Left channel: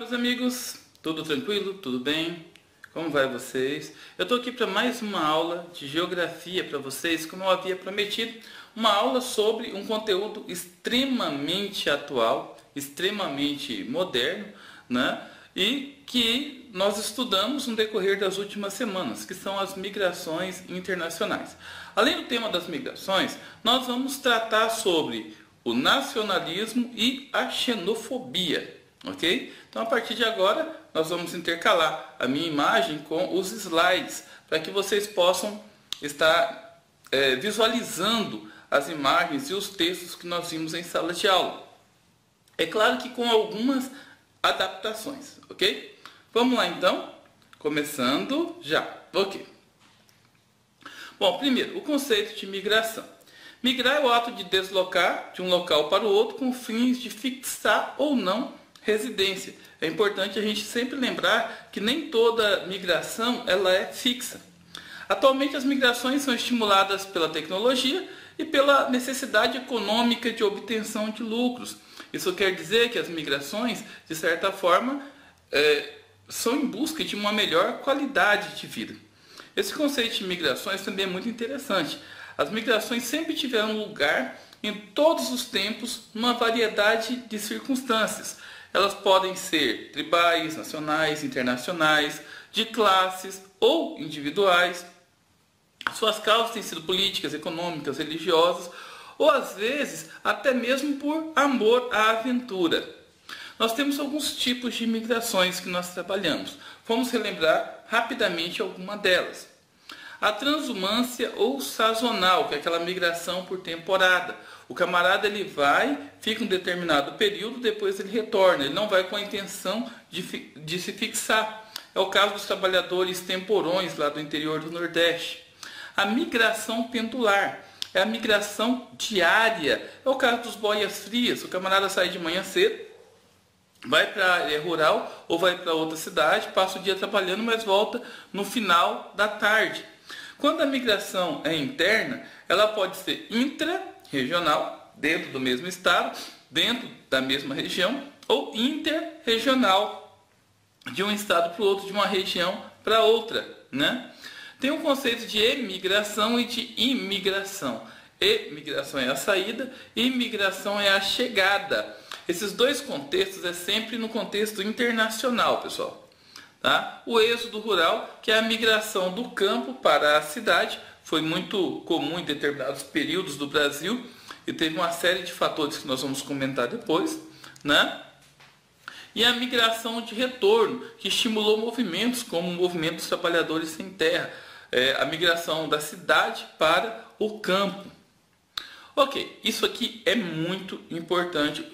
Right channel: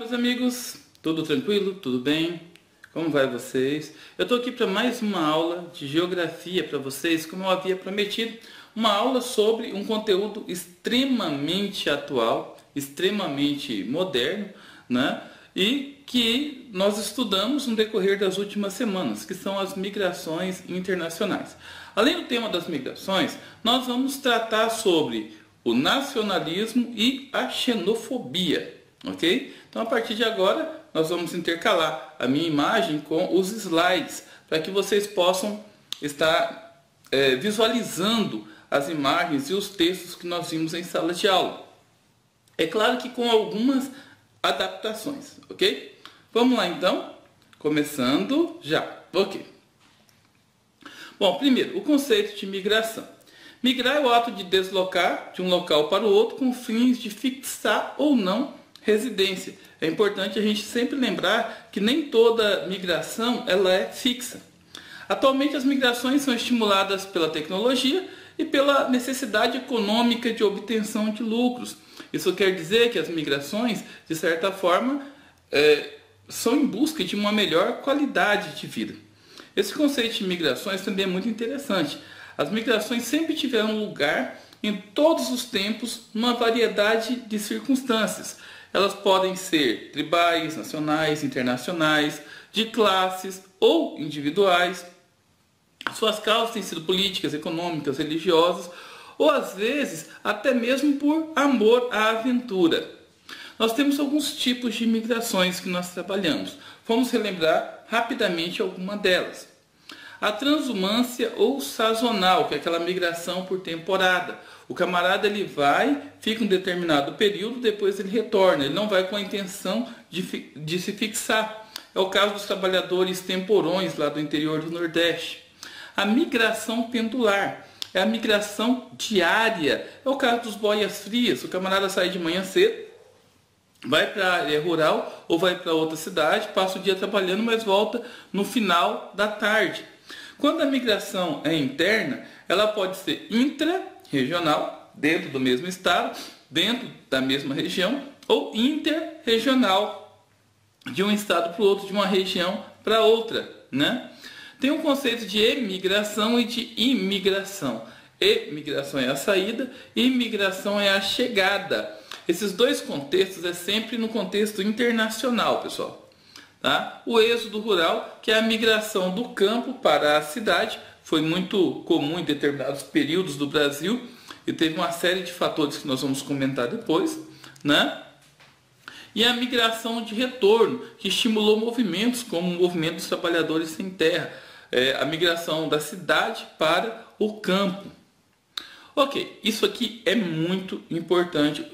Meus amigos, tudo tranquilo? Tudo bem? Como vai vocês? Eu estou aqui para mais uma aula de geografia para vocês, como eu havia prometido, uma aula sobre um conteúdo extremamente atual, extremamente moderno, né? E que nós estudamos no decorrer das últimas semanas, que são as migrações internacionais. Além do tema das migrações, nós vamos tratar sobre o nacionalismo e a xenofobia, ok? Então, a partir de agora, nós vamos intercalar a minha imagem com os slides, para que vocês possam estar visualizando as imagens e os textos que nós vimos em sala de aula. É claro que com algumas adaptações, ok? Vamos lá, então, começando já, ok? Bom, primeiro, o conceito de migração. Migrar é o ato de deslocar de um local para o outro com fins de fixar ou não residência. É importante a gente sempre lembrar que nem toda migração ela é fixa. Atualmente as migrações são estimuladas pela tecnologia e pela necessidade econômica de obtenção de lucros. Isso quer dizer que as migrações, de certa forma, são em busca de uma melhor qualidade de vida. Esse conceito de migrações também é muito interessante. As migrações sempre tiveram lugar em todos os tempos, numa variedade de circunstâncias. Elas podem ser tribais, nacionais, internacionais, de classes ou individuais. Suas causas têm sido políticas, econômicas, religiosas, ou às vezes até mesmo por amor à aventura. Nós temos alguns tipos de migrações que nós trabalhamos. Vamos relembrar rapidamente alguma delas. A transumância ou sazonal, que é aquela migração por temporada. O camarada ele vai, fica um determinado período, depois ele retorna. Ele não vai com a intenção de se fixar. É o caso dos trabalhadores temporões lá do interior do Nordeste. A migração pendular é a migração diária. É o caso dos boias-frias. O camarada sai de manhã cedo, vai para a área rural ou vai para outra cidade, passa o dia trabalhando, mas volta no final da tarde. Quando a migração é interna, ela pode ser intra-regional, dentro do mesmo estado, dentro da mesma região, ou interregional, de um estado para o outro, de uma região para outra, né? Tem um conceito de emigração e de imigração. Emigração é a saída, imigração é a chegada. Esses dois contextos é sempre no contexto internacional, pessoal. Tá? O êxodo rural, que é a migração do campo para a cidade, foi muito comum em determinados períodos do Brasil e teve uma série de fatores que nós vamos comentar depois, né? E a migração de retorno, que estimulou movimentos como o movimento dos trabalhadores sem terra, a migração da cidade para o campo. Ok, isso aqui é muito importante.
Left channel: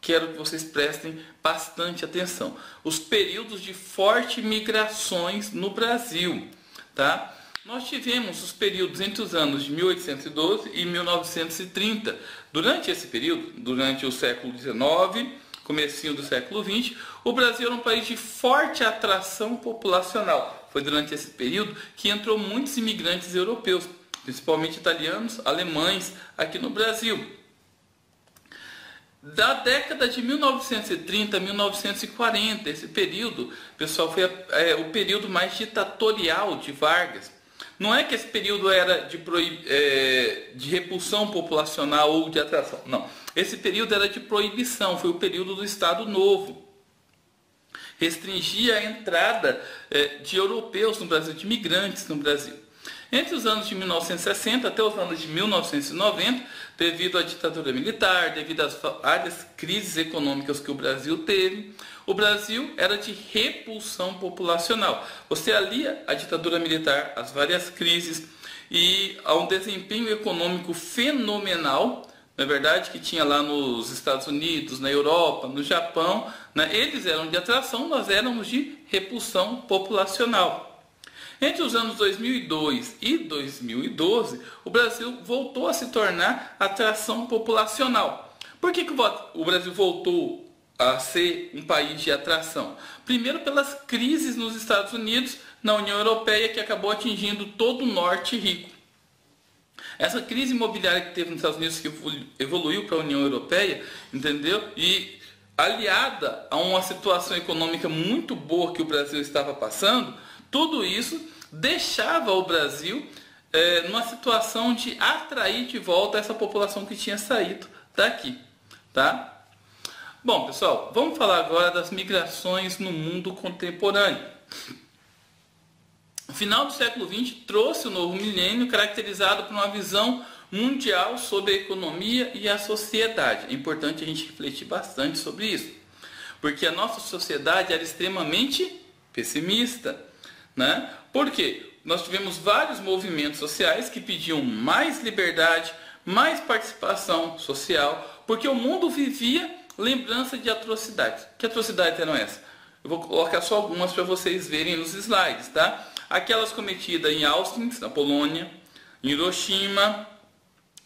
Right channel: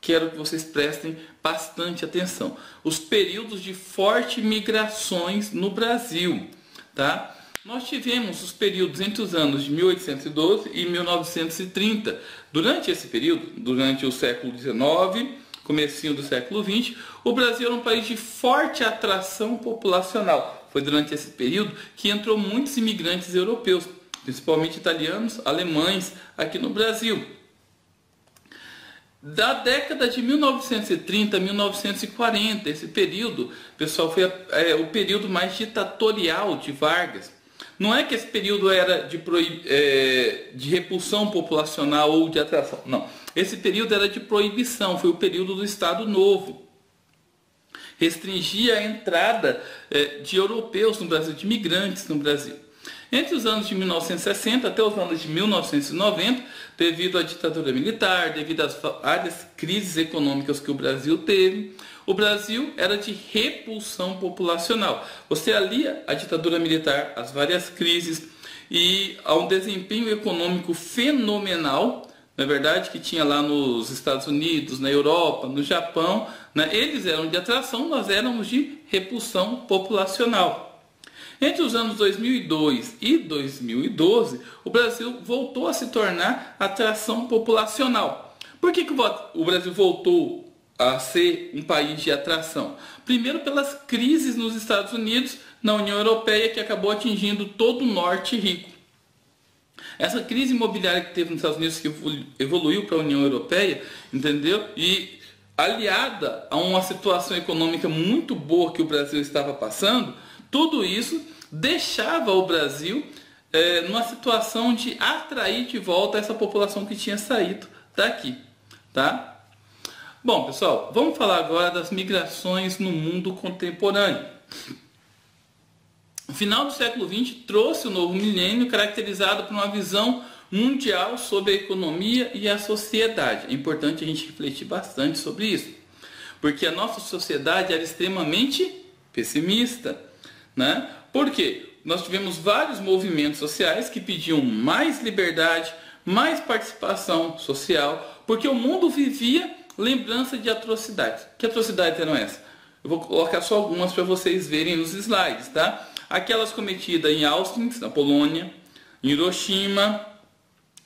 Quero que vocês prestem bastante atenção. Os períodos de fortes migrações no Brasil. Tá? Nós tivemos os períodos entre os anos de 1812 e 1930. Durante esse período, durante o século XIX, comecinho do século XX, o Brasil era um país de forte atração populacional. Foi durante esse período que entrou muitos imigrantes europeus, principalmente italianos, alemães, aqui no Brasil. Da década de 1930 a 1940, esse período, pessoal, foi o período mais ditatorial de Vargas. Não é que esse período era de repulsão populacional ou de atração, não. Esse período era de proibição, foi o período do Estado Novo. Restringia a entrada de europeus no Brasil, de imigrantes no Brasil. Entre os anos de 1960 até os anos de 1990, devido à ditadura militar, devido às várias crises econômicas que o Brasil teve, o Brasil era de repulsão populacional. Você alia a ditadura militar, as várias crises e a um desempenho econômico fenomenal, não é verdade, que tinha lá nos Estados Unidos, na Europa, no Japão, né? Eles eram de atração, nós éramos de repulsão populacional. Entre os anos 2002 e 2012, o Brasil voltou a se tornar atração populacional. Por que o Brasil voltou a ser um país de atração? Primeiro, pelas crises nos Estados Unidos, na União Europeia, que acabou atingindo todo o norte rico. Essa crise imobiliária que teve nos Estados Unidos, que evoluiu para a União Europeia, entendeu? E aliada a uma situação econômica muito boa que o Brasil estava passando, tudo isso deixava o Brasil numa situação de atrair de volta essa população que tinha saído daqui, tá? Bom, pessoal, vamos falar agora das migrações no mundo contemporâneo. O final do século XX trouxe o novo milênio caracterizado por uma visão mundial sobre a economia e a sociedade. É importante a gente refletir bastante sobre isso, porque a nossa sociedade era extremamente pessimista, né? Por quê? Nós tivemos vários movimentos sociais que pediam mais liberdade, mais participação social, porque o mundo vivia lembrança de atrocidades. Que atrocidades eram essas? Eu vou colocar só algumas para vocês verem nos slides, tá? Aquelas cometidas em Auschwitz, na Polônia, em Hiroshima,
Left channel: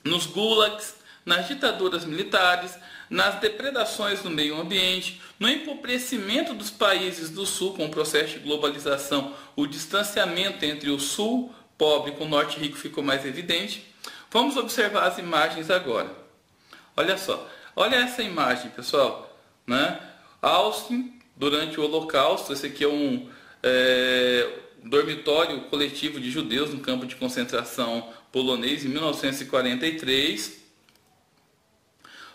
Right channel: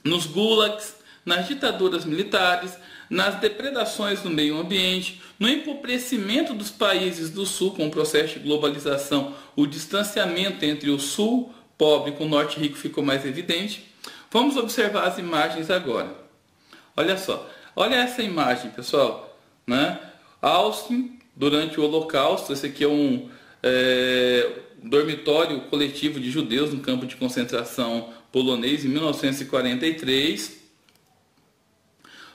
nos gulags, nas ditaduras militares, nas depredações do meio ambiente, no empobrecimento dos países do Sul com o processo de globalização, o distanciamento entre o Sul pobre com o Norte rico ficou mais evidente. Vamos observar as imagens agora. Olha só. Olha essa imagem, pessoal, né? Auschwitz, durante o Holocausto, esse aqui é um dormitório coletivo de judeus no campo de concentração polonês em 1943.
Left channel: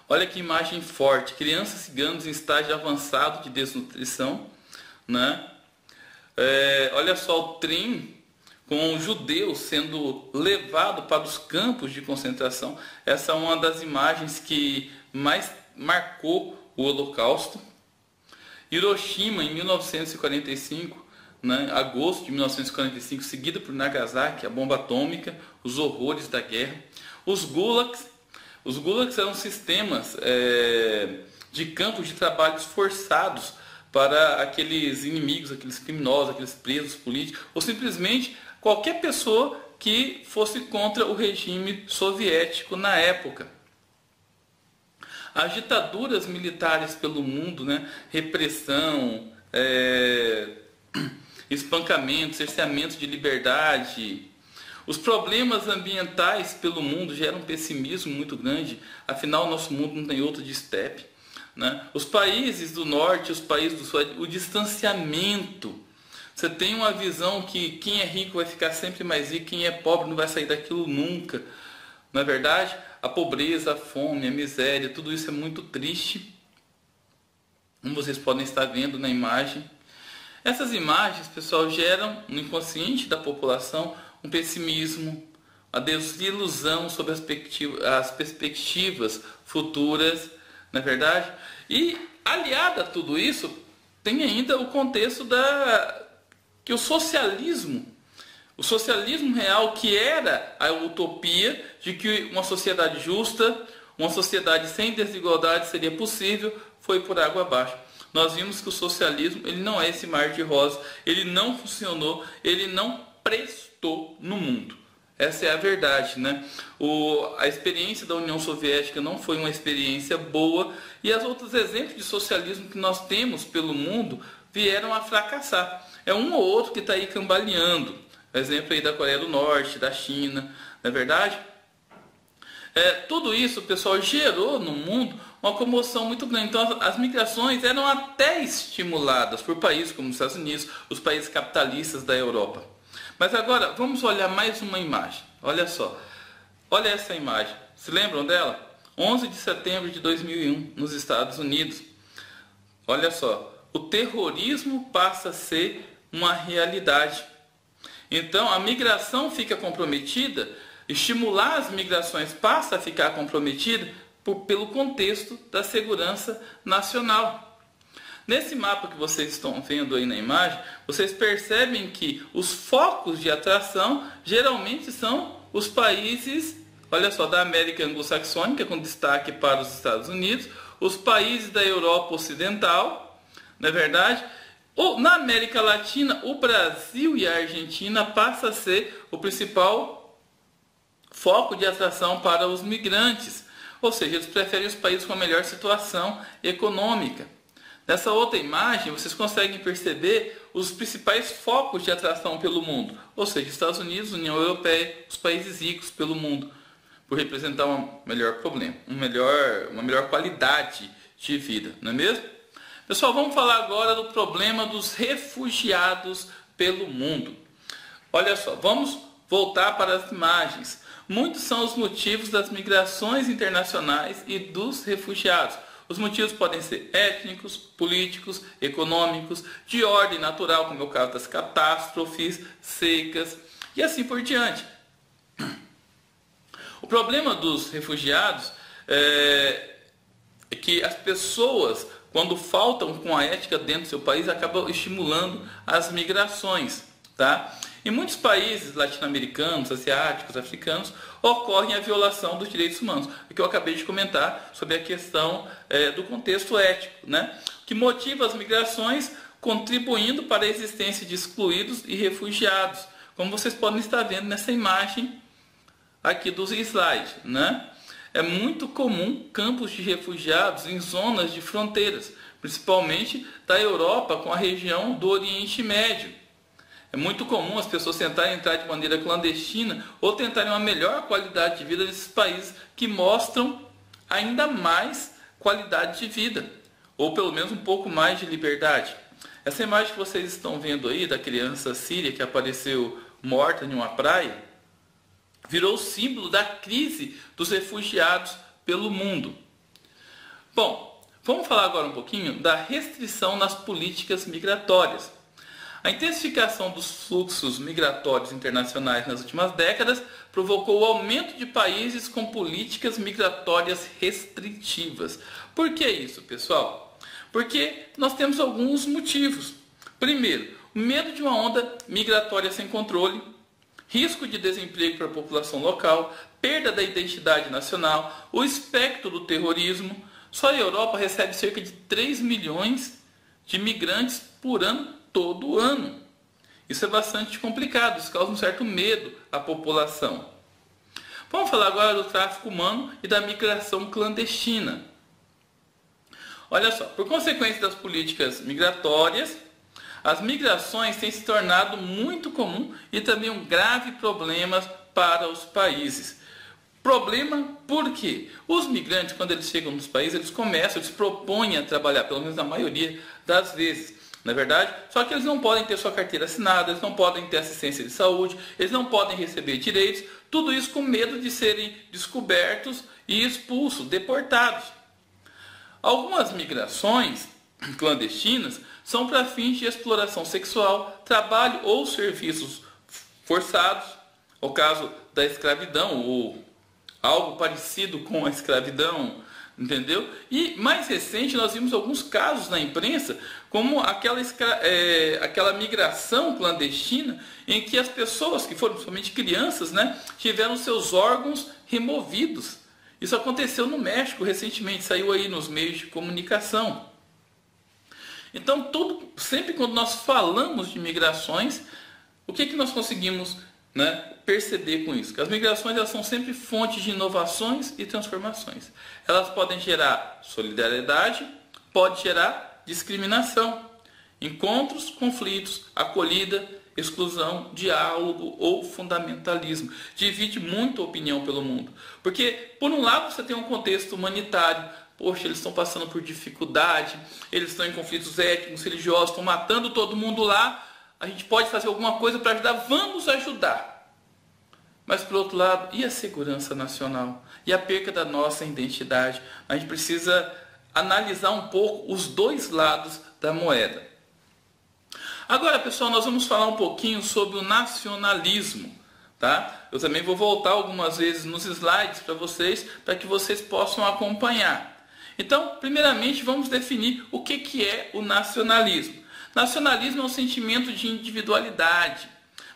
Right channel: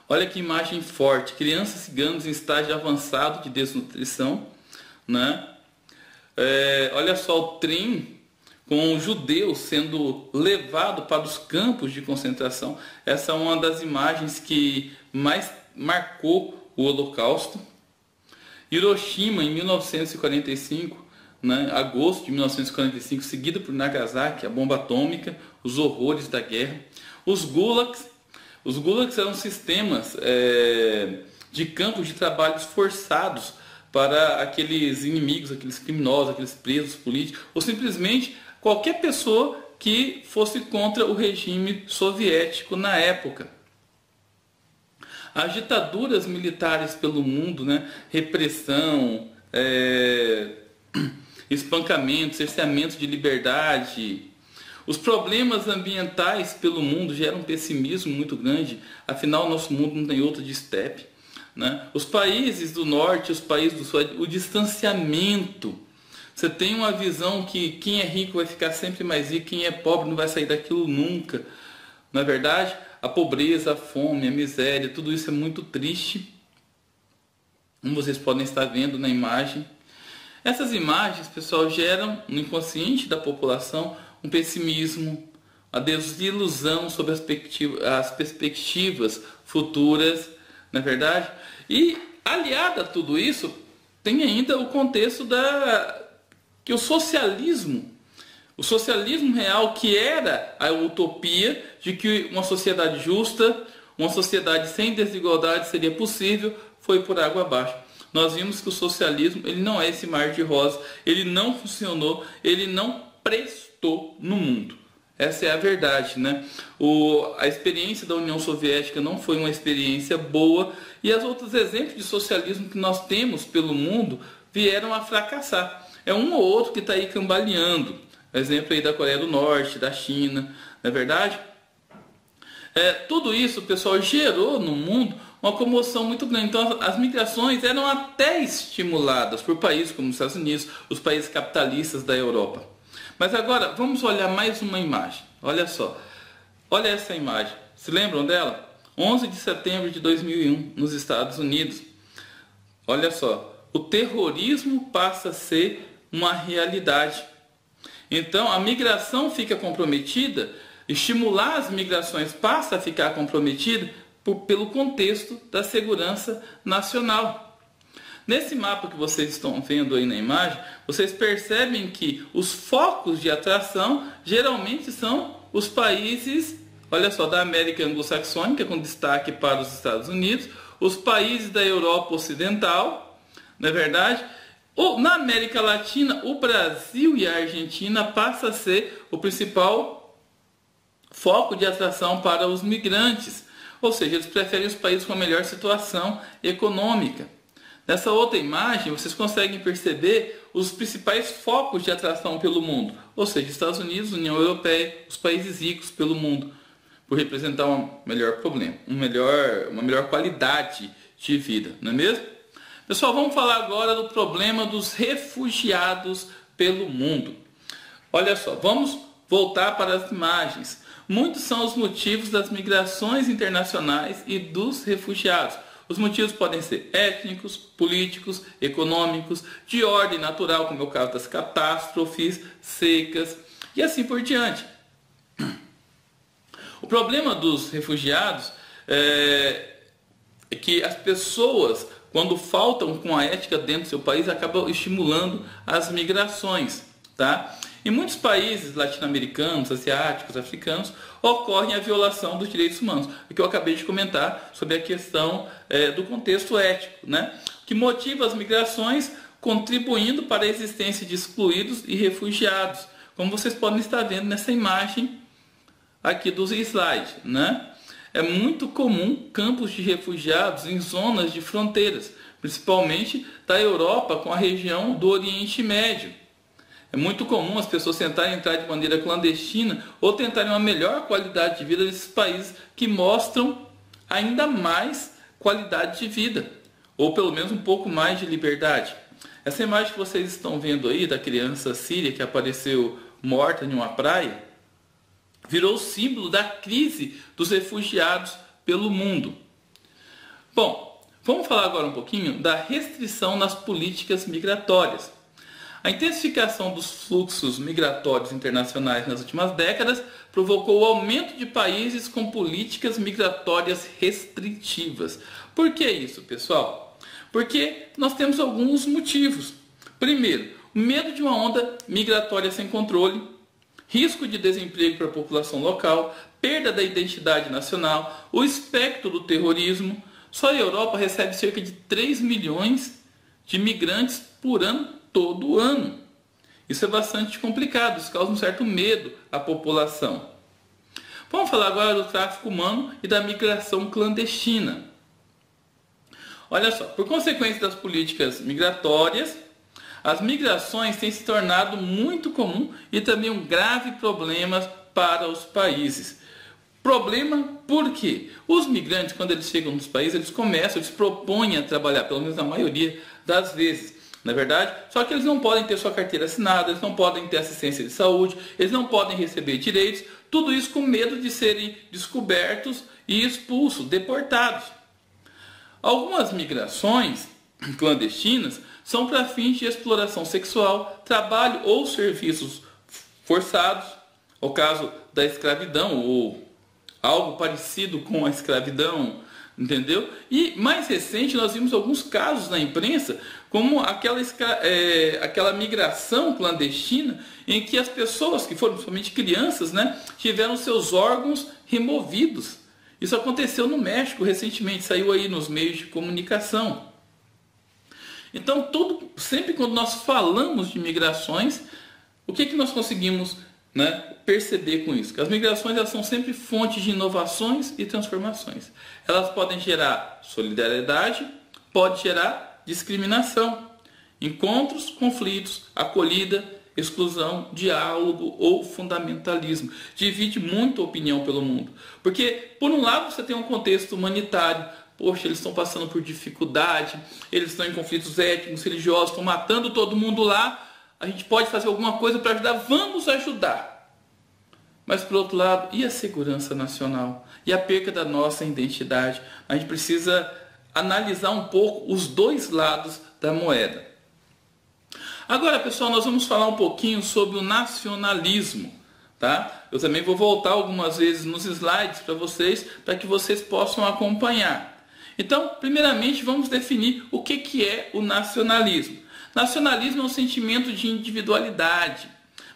Olha que imagem forte, crianças ciganas em estágio avançado de desnutrição, né? Olha só o trem com judeus sendo levado para os campos de concentração. Essa é uma das imagens que mais marcou o Holocausto. Hiroshima, em 1945, né, agosto de 1945, seguida por Nagasaki, a bomba atômica, os horrores da guerra. Os gulags eram sistemas de campos de trabalhos forçados para aqueles inimigos, aqueles criminosos, aqueles presos políticos, ou simplesmente qualquer pessoa que fosse contra o regime soviético na época. As ditaduras militares pelo mundo, né? Repressão, espancamento, cerceamento de liberdade. Os problemas ambientais pelo mundo geram um pessimismo muito grande. Afinal, nosso mundo não tem outro de estepe, né? Os países do norte, os países do sul, o distanciamento. Você tem uma visão que quem é rico vai ficar sempre mais rico, quem é pobre não vai sair daquilo nunca. Não é verdade? A pobreza, a fome, a miséria, tudo isso é muito triste, como vocês podem estar vendo na imagem. Essas imagens, pessoal, geram no inconsciente da população um pessimismo, a desilusão sobre as perspectivas futuras, não é verdade? E, aliado a tudo isso, tem ainda o contexto que o socialismo real, que era a utopia de que uma sociedade justa, uma sociedade sem desigualdade seria possível, foi por água abaixo. Nós vimos que o socialismo ele não é esse mar de rosas, ele não funcionou, ele não prestou no mundo. Essa é a verdade, né? A experiência da União Soviética não foi uma experiência boa e os outros exemplos de socialismo que nós temos pelo mundo vieram a fracassar. É um ou outro que está aí cambaleando. Exemplo aí da Coreia do Norte, da China, não é verdade? Tudo isso, pessoal, gerou no mundo uma comoção muito grande. Então, as migrações eram até estimuladas por países como os Estados Unidos, os países capitalistas da Europa. Mas agora, vamos olhar mais uma imagem. Olha só. Olha essa imagem. Se lembram dela? 11 de setembro de 2001, nos Estados Unidos. Olha só. O terrorismo passa a ser uma realidade. Então, a migração fica comprometida, estimular as migrações passa a ficar comprometida pelo contexto da segurança nacional. Nesse mapa que vocês estão vendo aí na imagem, vocês percebem que os focos de atração geralmente são os países, olha só, da América anglo-saxônica, com destaque para os Estados Unidos, os países da Europa Ocidental, não é verdade? Na América Latina, o Brasil e a Argentina passam a ser o principal foco de atração para os migrantes. Ou seja, eles preferem os países com a melhor situação econômica. Nessa outra imagem, vocês conseguem perceber os principais focos de atração pelo mundo. Ou seja, Estados Unidos, União Europeia, os países ricos pelo mundo, por representar um melhor problema, uma melhor qualidade de vida, não é mesmo? Pessoal, vamos falar agora do problema dos refugiados pelo mundo. Olha só, vamos voltar para as imagens. Muitos são os motivos das migrações internacionais e dos refugiados. Os motivos podem ser étnicos, políticos, econômicos, de ordem natural, como é o caso das catástrofes, secas e assim por diante. O problema dos refugiados é que as pessoas, quando faltam com a ética dentro do seu país, acabam estimulando as migrações, tá? Em muitos países latino-americanos, asiáticos, africanos, ocorre a violação dos direitos humanos, o que eu acabei de comentar sobre a questão do contexto ético, né? Que motiva as migrações, contribuindo para a existência de excluídos e refugiados, como vocês podem estar vendo nessa imagem aqui dos slides, né? É muito comum campos de refugiados em zonas de fronteiras, principalmente da Europa com a região do Oriente Médio. É muito comum as pessoas tentarem entrar de maneira clandestina ou tentarem uma melhor qualidade de vida nesses países que mostram ainda mais qualidade de vida, ou pelo menos um pouco mais de liberdade. Essa imagem que vocês estão vendo aí da criança síria que apareceu morta em uma praia, virou símbolo da crise dos refugiados pelo mundo. Bom, vamos falar agora um pouquinho da restrição nas políticas migratórias. A intensificação dos fluxos migratórios internacionais nas últimas décadas provocou o aumento de países com políticas migratórias restritivas. Por que isso, pessoal? Porque nós temos alguns motivos. Primeiro, o medo de uma onda migratória sem controle, risco de desemprego para a população local, perda da identidade nacional, o espectro do terrorismo. Só a Europa recebe cerca de 3 milhões de migrantes por ano, todo ano. Isso é bastante complicado, isso causa um certo medo à população. Vamos falar agora do tráfico humano e da migração clandestina. Olha só, por consequência das políticas migratórias, as migrações têm se tornado muito comum e também um grave problema para os países. Problema por quê? Os migrantes, quando eles chegam nos países, eles propõem a trabalhar, pelo menos na maioria das vezes. Na verdade, só que eles não podem ter sua carteira assinada, eles não podem ter assistência de saúde, eles não podem receber direitos, tudo isso com medo de serem descobertos e expulsos, deportados. Algumas migrações clandestinas são para fins de exploração sexual, trabalho ou serviços forçados, o caso da escravidão ou algo parecido com a escravidão, entendeu? E mais recente nós vimos alguns casos na imprensa, como aquela migração clandestina em que as pessoas, que foram principalmente crianças, né, tiveram seus órgãos removidos. Isso aconteceu no México recentemente, saiu aí nos meios de comunicação. Então, sempre quando nós falamos de migrações, o que nós conseguimos, né, perceber com isso? Que as migrações elas são sempre fontes de inovações e transformações. Elas podem gerar solidariedade, pode gerar discriminação, encontros, conflitos, acolhida, exclusão, diálogo ou fundamentalismo. Divide muito a opinião pelo mundo. Porque, por um lado, você tem um contexto humanitário. Poxa, eles estão passando por dificuldade, eles estão em conflitos étnicos, religiosos, estão matando todo mundo lá. A gente pode fazer alguma coisa para ajudar? Vamos ajudar. Mas, por outro lado, e a segurança nacional? E a perca da nossa identidade? A gente precisa analisar um pouco os dois lados da moeda. Agora, pessoal, nós vamos falar um pouquinho sobre o nacionalismo, tá? Eu também vou voltar algumas vezes nos slides para vocês, para que vocês possam acompanhar. Então, primeiramente, vamos definir o que é o nacionalismo. Nacionalismo é um sentimento de individualidade,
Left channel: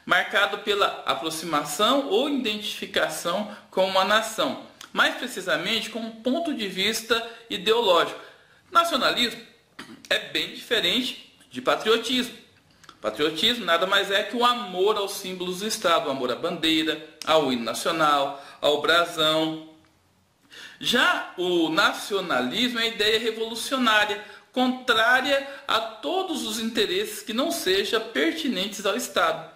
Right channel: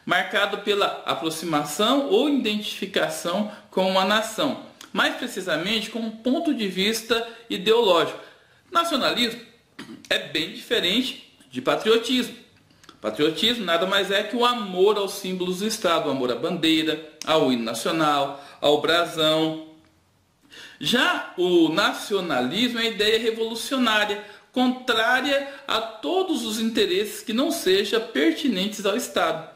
marcado pela aproximação ou identificação com uma nação, mais precisamente com um ponto de vista ideológico. Nacionalismo é bem diferente de patriotismo. Patriotismo nada mais é que o amor aos símbolos do Estado, o amor à bandeira, ao hino nacional, ao brasão. Já o nacionalismo é a ideia revolucionária, contrária a todos os interesses que não sejam pertinentes ao Estado.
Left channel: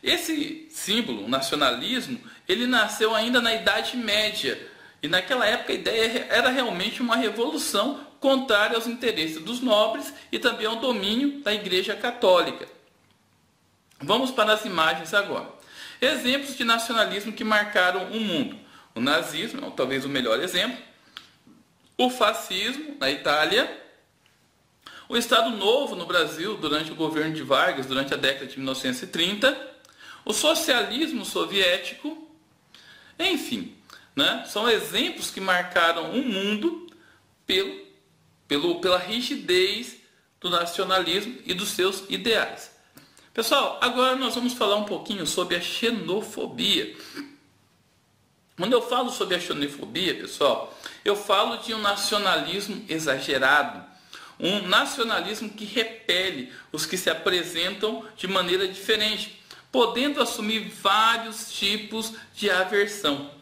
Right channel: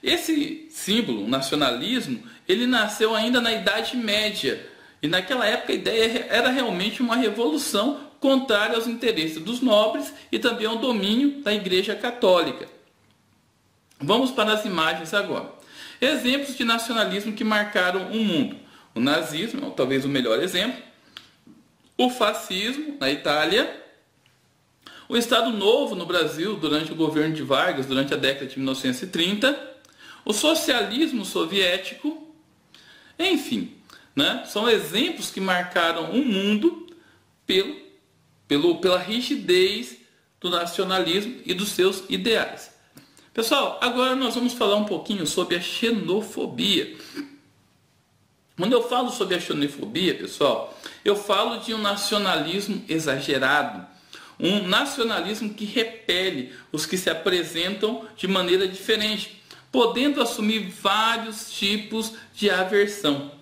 Esse símbolo, o nacionalismo, ele nasceu ainda na Idade Média. E naquela época a ideia era realmente uma revolução contrária aos interesses dos nobres e também ao domínio da Igreja Católica. Vamos para as imagens agora. Exemplos de nacionalismo que marcaram o mundo. O nazismo, talvez o melhor exemplo. O fascismo, na Itália. O Estado Novo no Brasil, durante o governo de Vargas, durante a década de 1930. O socialismo soviético. Enfim, né? São exemplos que marcaram o mundo pela rigidez do nacionalismo e dos seus ideais. Pessoal, agora nós vamos falar um pouquinho sobre a xenofobia. Quando eu falo sobre a xenofobia, pessoal, eu falo de um nacionalismo exagerado. Um nacionalismo que repele os que se apresentam de maneira diferente, podendo assumir vários tipos de aversão.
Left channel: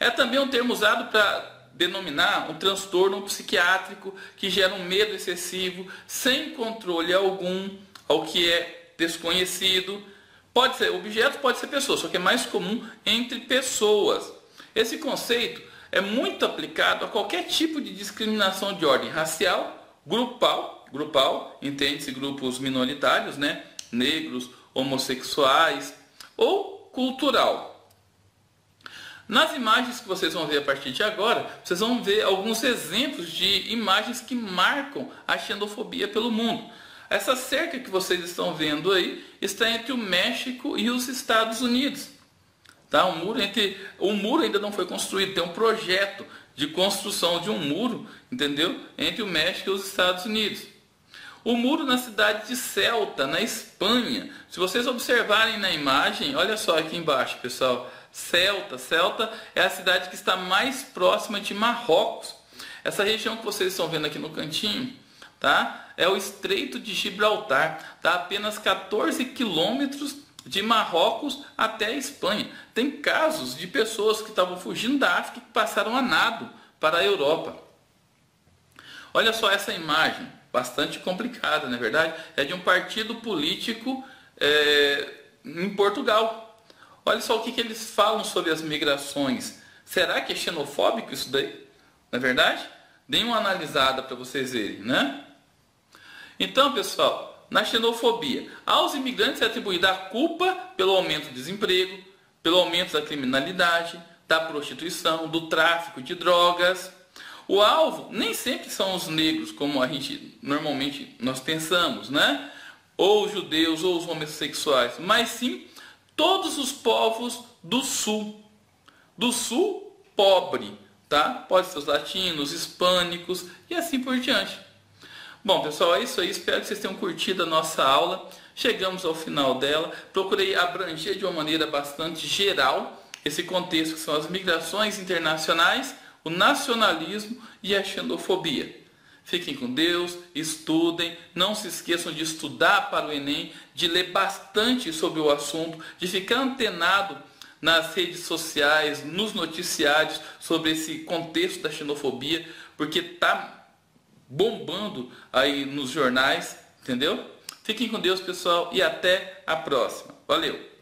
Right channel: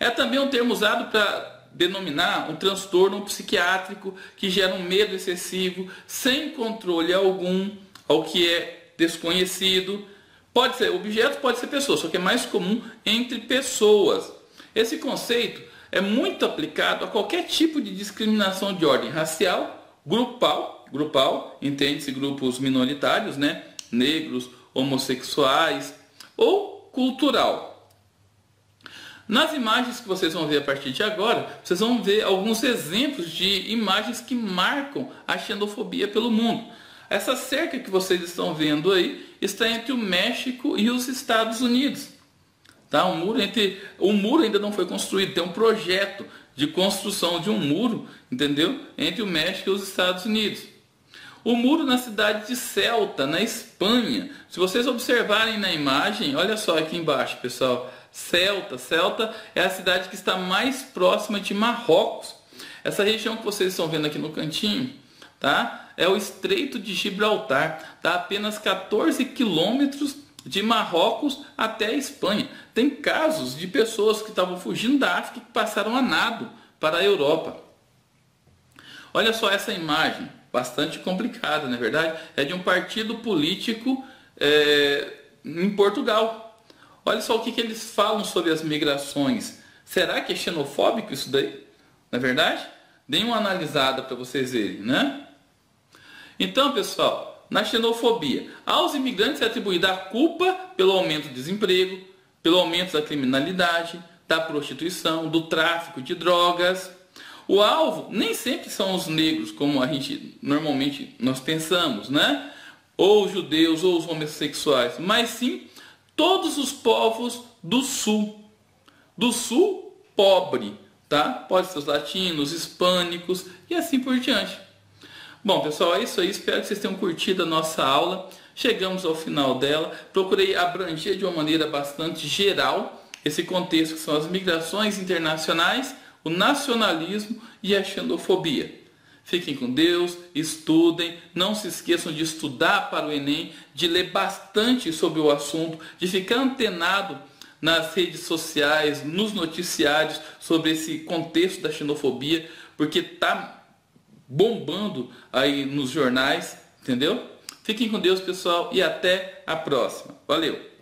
É também um termo usado para denominar um transtorno psiquiátrico que gera um medo excessivo, sem controle algum, ao que é desconhecido. Pode ser objeto, pode ser pessoa, só que é mais comum entre pessoas. Esse conceito é muito aplicado a qualquer tipo de discriminação de ordem racial, grupal, entende-se grupos minoritários, né? Negros, homossexuais, ou cultural. Nas imagens que vocês vão ver a partir de agora, vocês vão ver alguns exemplos de imagens que marcam a xenofobia pelo mundo. Essa cerca que vocês estão vendo aí está entre o México e os Estados Unidos. Tá? O muro ainda não foi construído, tem um projeto de construção de um muro, entendeu? Entre o México e os Estados Unidos. O muro na cidade de Ceuta, na Espanha. Se vocês observarem na imagem, olha só aqui embaixo, pessoal. Ceuta é a cidade que está mais próxima de Marrocos. Essa região que vocês estão vendo aqui no cantinho, tá? É o Estreito de Gibraltar. Está a apenas 14 quilômetros de Marrocos até a Espanha. Tem casos de pessoas que estavam fugindo da África que passaram a nado para a Europa. Olha só essa imagem, bastante complicada, não é verdade? É de um partido político em Portugal. Olha só o que eles falam sobre as migrações. Será que é xenofóbico isso daí? Não é verdade? Deem uma analisada para vocês verem, né? Então, pessoal, na xenofobia, aos imigrantes é atribuída a culpa pelo aumento do desemprego, pelo aumento da criminalidade, da prostituição, do tráfico de drogas. O alvo nem sempre são os negros, como a gente normalmente nós pensamos, né? Ou os judeus, ou os homossexuais, mas sim todos os povos do sul pobre, tá? Pode ser os latinos, hispânicos e assim por diante. Bom, pessoal, é isso aí. Espero que vocês tenham curtido a nossa aula. Chegamos ao final dela. Procurei abranger de uma maneira bastante geral esse contexto que são as migrações internacionais, o nacionalismo e a xenofobia. Fiquem com Deus, estudem, não se esqueçam de estudar para o Enem, de ler bastante sobre o assunto, de ficar antenado nas redes sociais, nos noticiários sobre esse contexto da xenofobia, porque está bombando aí nos jornais, entendeu? Fiquem com Deus, pessoal, e até a próxima. Valeu!